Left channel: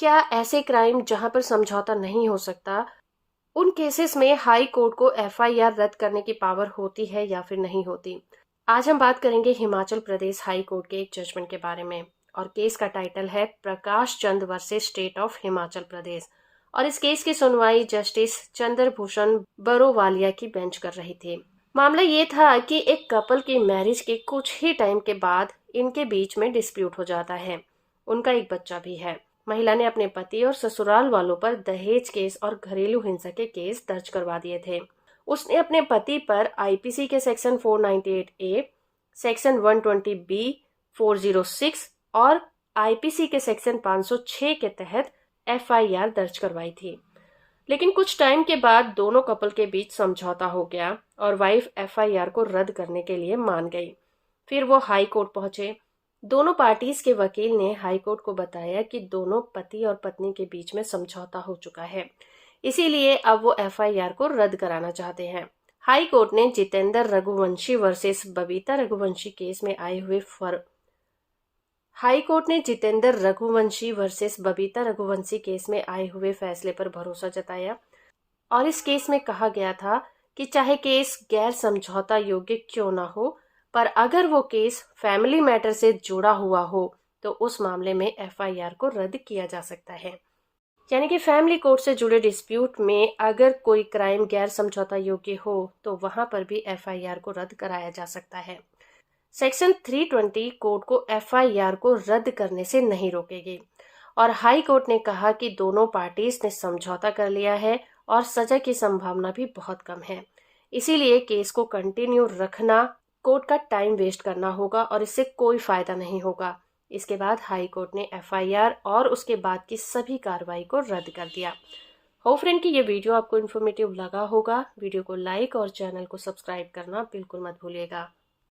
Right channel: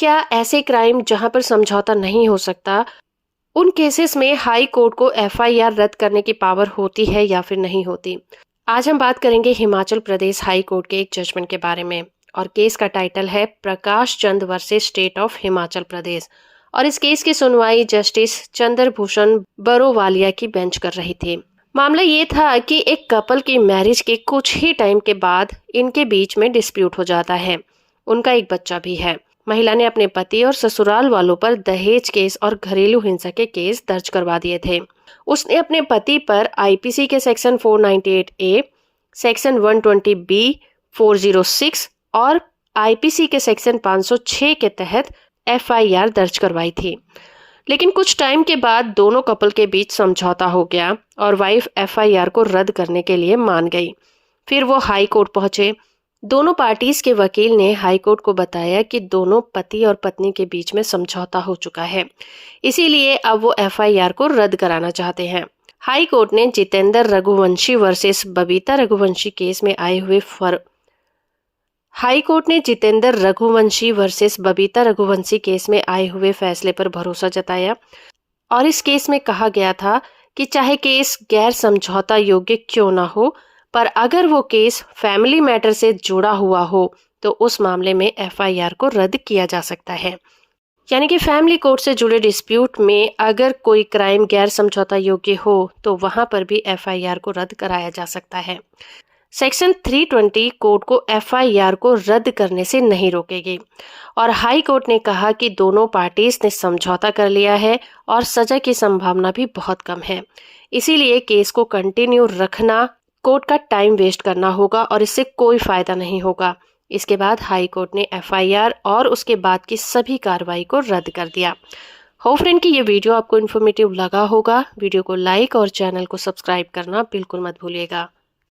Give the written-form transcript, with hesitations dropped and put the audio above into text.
क्या ऐसे क्राइम जहां पर समझौता नहीं हो सकता, उन केसेस में हाई कोर्ट को एफआईआर रद्द करने की पावर होती है या फिर नहीं होती? आज हम बात करेंगे हिमाचल प्रदेश हाई कोर्ट के एक जजमेंट के बारे में। और केस का टाइटल है Prakash Chand versus state of Himachal Pradesh. और इस केस की सुनवाई जस्टिस चंद्रभूषण बरोवालिया की बेंच कर रही थी। मामला ये था कि एक कपल की मैरिज के कुछ ही टाइम के बाद इनके बीच में डिस्प्यूट हो जाता है। उनका एक बच्चा भी है। महिला ने अपने पति और ससुराल वालों पर दहेज केस और घरेलू हिंसा के केस दर्ज करवा दिए थे। उसने अपने पति पर आईपीसी के सेक्शन 498 ए, सेक्शन 120 बी, 406 और आईपीसी के सेक्शन 506 के तहत एफआईआर दर्ज करवाई थी। लेकिन कुछ टाइम के बाद दोनों कपल के बीच समझौता हो गया और वाइफ एफआईआर को रद्द करने के लिए मान गई। फिर वो हाई कोर्ट पहुंचे। दोनों पार्टीज के वकील ने हाई कोर्ट को बताया कि दोनों पति और पत्नी के बीच में समझौता हो चुका है, इसीलिए अब वो एफआईआर को रद्द कराना चाहते हैं। हाई कोर्ट ने जितेंद्र रघुवंशी वर्सेस बबीता रघुवंशी केस में आए हुए हाई कोर्ट ने जितेंद्र रघुवंशी वर्सेस बबीता रघुवंशी केस में आए हुए फैसले पर भरोसा जताया। और इस केस में कहा गया था कि चाहे केस गैर समझौता योग्य क्यों ना हो, पर अगर वो केस फैमिली मैटर से जुड़ा हुआ हो तो उस मामले में एफआईआर को रद्द किया जा सकता है। यानी कि फैमिली कोर्ट से जुड़े डिस्प्यूट में अगर कोई क्राइम गैर समझौता योग्य हो तो वहां पर भी एफआईआर को रद्द कराया जा सकता है। सेक्शन 320 कोर्ट को एफआईआर को रद्द करने से नहीं रोकेगी। और हाई कोर्ट ने कहा कि दोनों पार्टीज ने समझौता कर लिया है और सजा की संभावना भी बहुत कम है, इसीलिए केस को कंटिन्यू रखना कोर्ट का टाइम वेस्ट करना होगा और इससे कोई फायदा नहीं होगा। इसके बाद हाई कोर्ट ने एफआईआर और उसके बाद की सभी कार्रवाई को रद्द कर दिया। होप फ्रेंड कि ये वीडियो आपको इन्फॉर्मेटिव लगा होगा। वीडियो को लाइक और चैनल को सब्सक्राइब करना बिल्कुल मत भूलिएगा।